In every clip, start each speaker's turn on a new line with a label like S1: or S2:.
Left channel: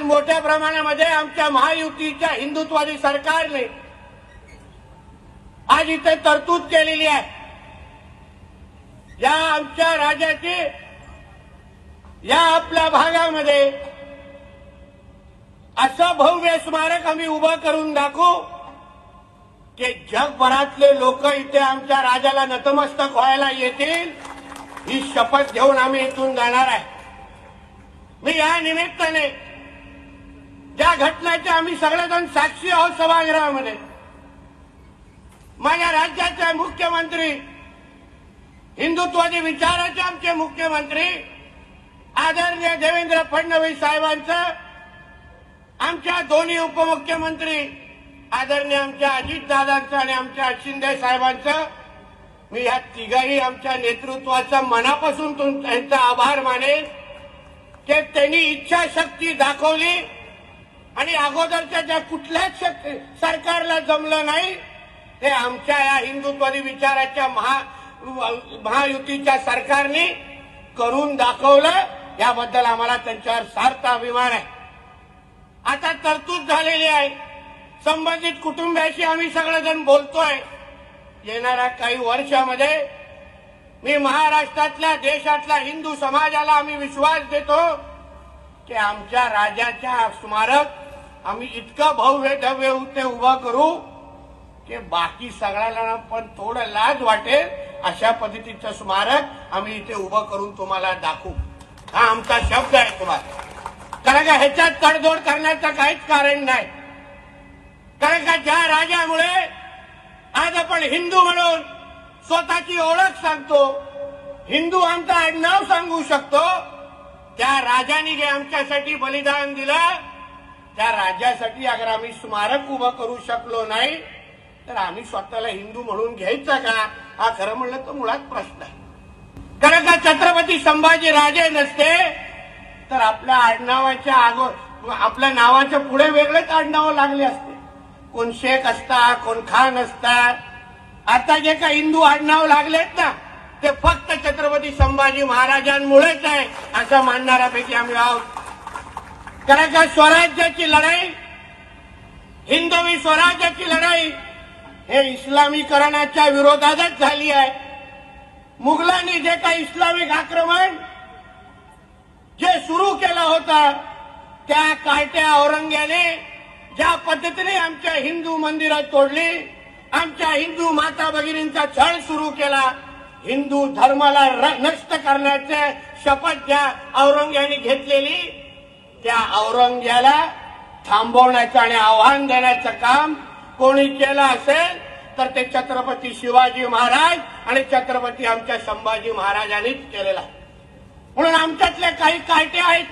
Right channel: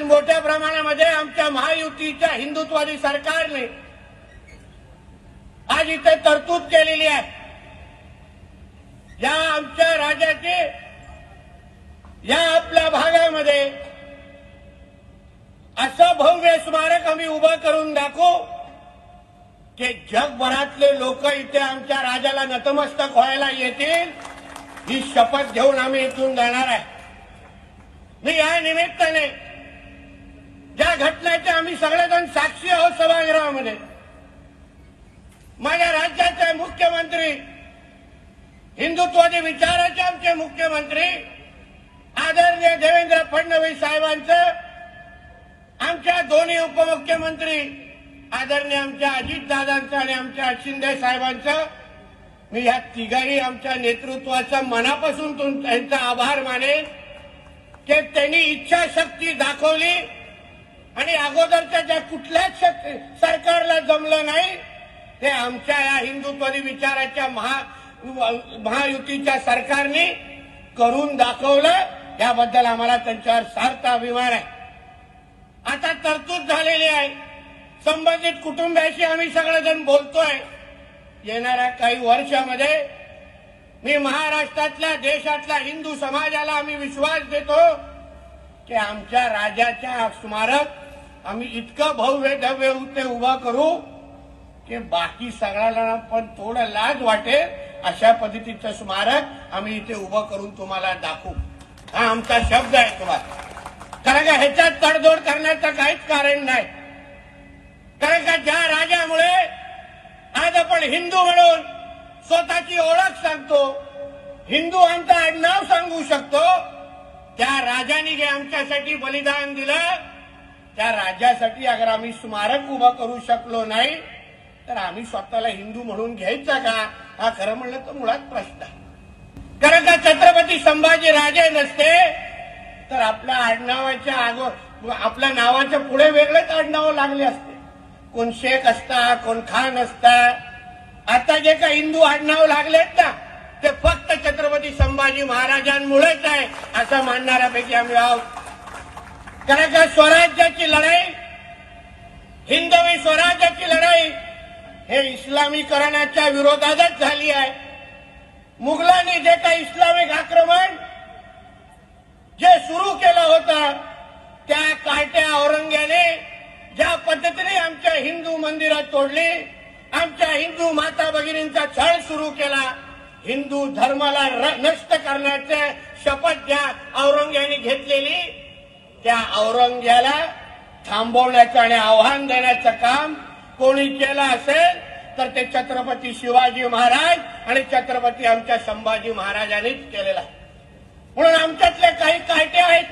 S1: आज मोठ्या प्रमाणामध्ये आमच्या महायुतीच्या हिंदुत्वादी सरकारने आज इथे तरतूद केलेली आहे. या आमच्या राज्याची या आपल्या भागामध्ये असं भव्य स्मारक आम्ही उभं करून दाखवू की जगभरातले लोक इथे आमच्या राजाला नतमस्तक व्हायला येतील ही शपथ घेऊन आम्ही इथून जाणार आहे. मी या निमित्ताने ज्या घटनेचे आम्ही सगळेजण साक्षी आहोत सभागृहामध्ये माझ्या राज्याचे मुख्यमंत्री हिंदुत्वादी विचाराचे आमचे मुख्यमंत्री आदरणीय देवेंद्र फडणवीस साहेबांचं आमच्या दोन्ही उपमुख्यमंत्री आदरणीय आमच्या अजितदादांचं आणि आमच्या शिंदे साहेबांचं मी या तिघाही आमच्या नेतृत्वाचा मनापासून त्यांचा आभार मानेन की त्यांनी इच्छाशक्ती दाखवली आणि अगोदरच्या ज्या कुठल्याच सरकारला जमलं नाही ते आमच्या या हिंदुत्वादी विचाराच्या महा महायुतीच्या सरकारने करून दाखवलं. याबद्दल आम्हाला त्यांच्यावर सार्थ अभिमान आहे. आता तरतूद झालेली आहे. संबंधित कुटुंबियाशी आम्ही सगळेजण बोलतोय. येणाऱ्या काही वर्षामध्ये मी महाराष्ट्रातल्या देशातल्या हिंदू समाजाला आम्ही विश्वास देतो. की आमच्या राजाच्या स्मारक आम्ही इतकं भव्य भव्य ते उभं करू की बाकी सगळ्याला पण थोडं लाज वाटेल अशा पद्धतीचं स्मारक आम्ही इथे उभं करून तुम्हाला दाखवू. हा आमचा शब्द आहे तुम्हाला. कारण का ह्याच्यात तडजोड करण्याचं काहीच कारण नाही. कारण का ज्या राजामुळे आज आपण हिंदू म्हणून स्वतःची ओळख सांगतो हिंदू आमचं आडनाव सांगू शकतो त्या राजाने जे आमच्यासाठी बलिदान दिलं त्या राजासाठी अगर आम्ही स्मारक उभं करू शकलो नाही तर आम्ही स्वतःला हिंदू म्हणून घ्यायचा का? हा खरं म्हणलं तर मुळात प्रश्न आहे. कारण का छत्रपती संभाजी राजे नसते तर आपल्या आडनावाच्या आगो आपल्या नावाच्या पुढे वेगळेच आडनावं लागले असते. कोण शेख असता कोण खान असता. आता जे काही हिंदू आडनाव लागलेत ना शिवाजी महाराजांमुळेच आहे असं मानणाऱ्यापैकी आम्ही आहोत. कारण का स्वराज्याची लढाई हिंदवी स्वराज्याची लढाई हे इस्लामीकरणाच्या विरोधातच झाली आहे. मुघलांनी जे काही इस्लामिक आक्रमण जे सुरू केलं होतं त्या कार्ट्या औरंग्याने ज्या पद्धतीने आमच्या हिंदू मंदिरं तोडली आमच्या हिंदू माता भगिनींचा छळ सुरू केला हिंदू धर्माला नष्ट करण्याचे शपथ ज्या औरंग्याने घेतलेली त्या औरंग्याला थांबवण्याचं आणि आव्हान देण्याचं काम कोणी केलं असेल तर ते छत्रपती शिवाजी महाराज आणि छत्रपती आमच्या संभाजी महाराजांनीच केलेलं आहे. म्हणून आमच्यातले काही कायटे आहेत.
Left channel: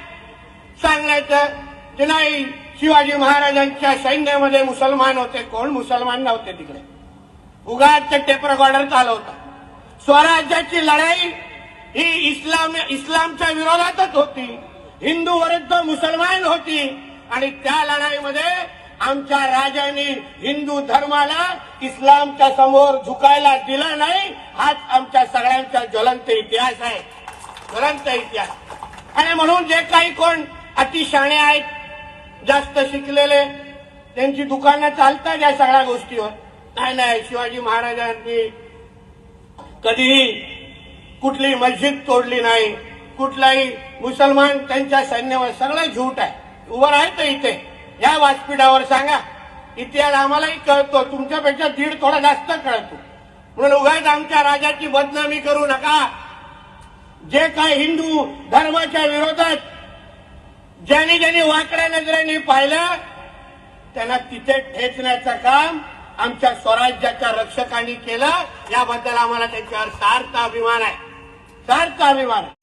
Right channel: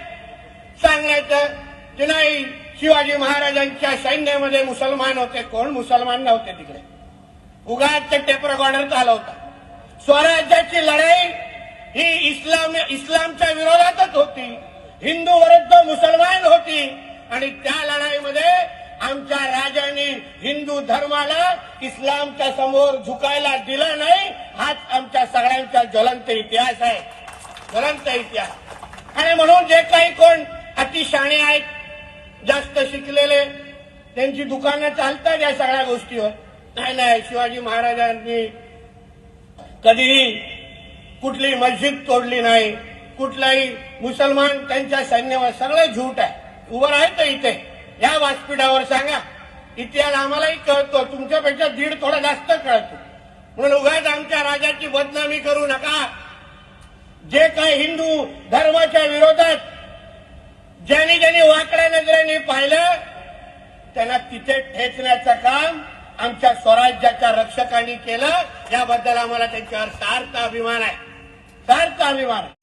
S1: सांगण्याचं की नाही शिवाजी महाराजांच्या सैन्यामध्ये मुसलमान होते. कोण मुसलमान नव्हते तिकडे. उगाच टेपर गॉर्डर चालवता स्वराज्याची लढाई ही इस्लाम इस्लामच्या विरोधातच होती. हिंदू विरुद्ध मुसलमान होती. आणि त्या लढाईमध्ये आमच्या राजांनी हिंदू धर्माला इस्लामच्या समोर झुकायला दिला नाही. हाच आमच्या सगळ्यांचा ज्वलंत इतिहास आहे. ज्वलंत इतिहास. आणि म्हणून जे काही कोण अतिशाणे आहेत जास्त शिकलेले त्यांची दुकानं चालतात या सगळ्या गोष्टीवर. नाही नाही शिवाजी महाराजांनी कधीही कुठली मस्जिद तोडली नाही. कुठलाही मुसलमान त्यांच्या सैन्यावर सगळं झूट आहे. उभं राहायचं इथे. या व्यासपीठावर सांगा. इतिहास आम्हालाही कळतो. तुमच्यापेक्षा दीड थोडा जास्त कळतो. म्हणून उगाच आमच्या राजाची बदनामी करू नका. जे काय हिंदू धर्माच्या विरोधात ज्यांनी ज्यांनी वाकड्या नजरेने पाहिलं त्यांना तिथे ठेचण्याचं काम आमच्या स्वराज्याच्या रक्षकांनी केलं याबद्दल आम्हाला त्यांच्यावर सार्थ अभिमान आहे. सार्थ अभिमान आहे.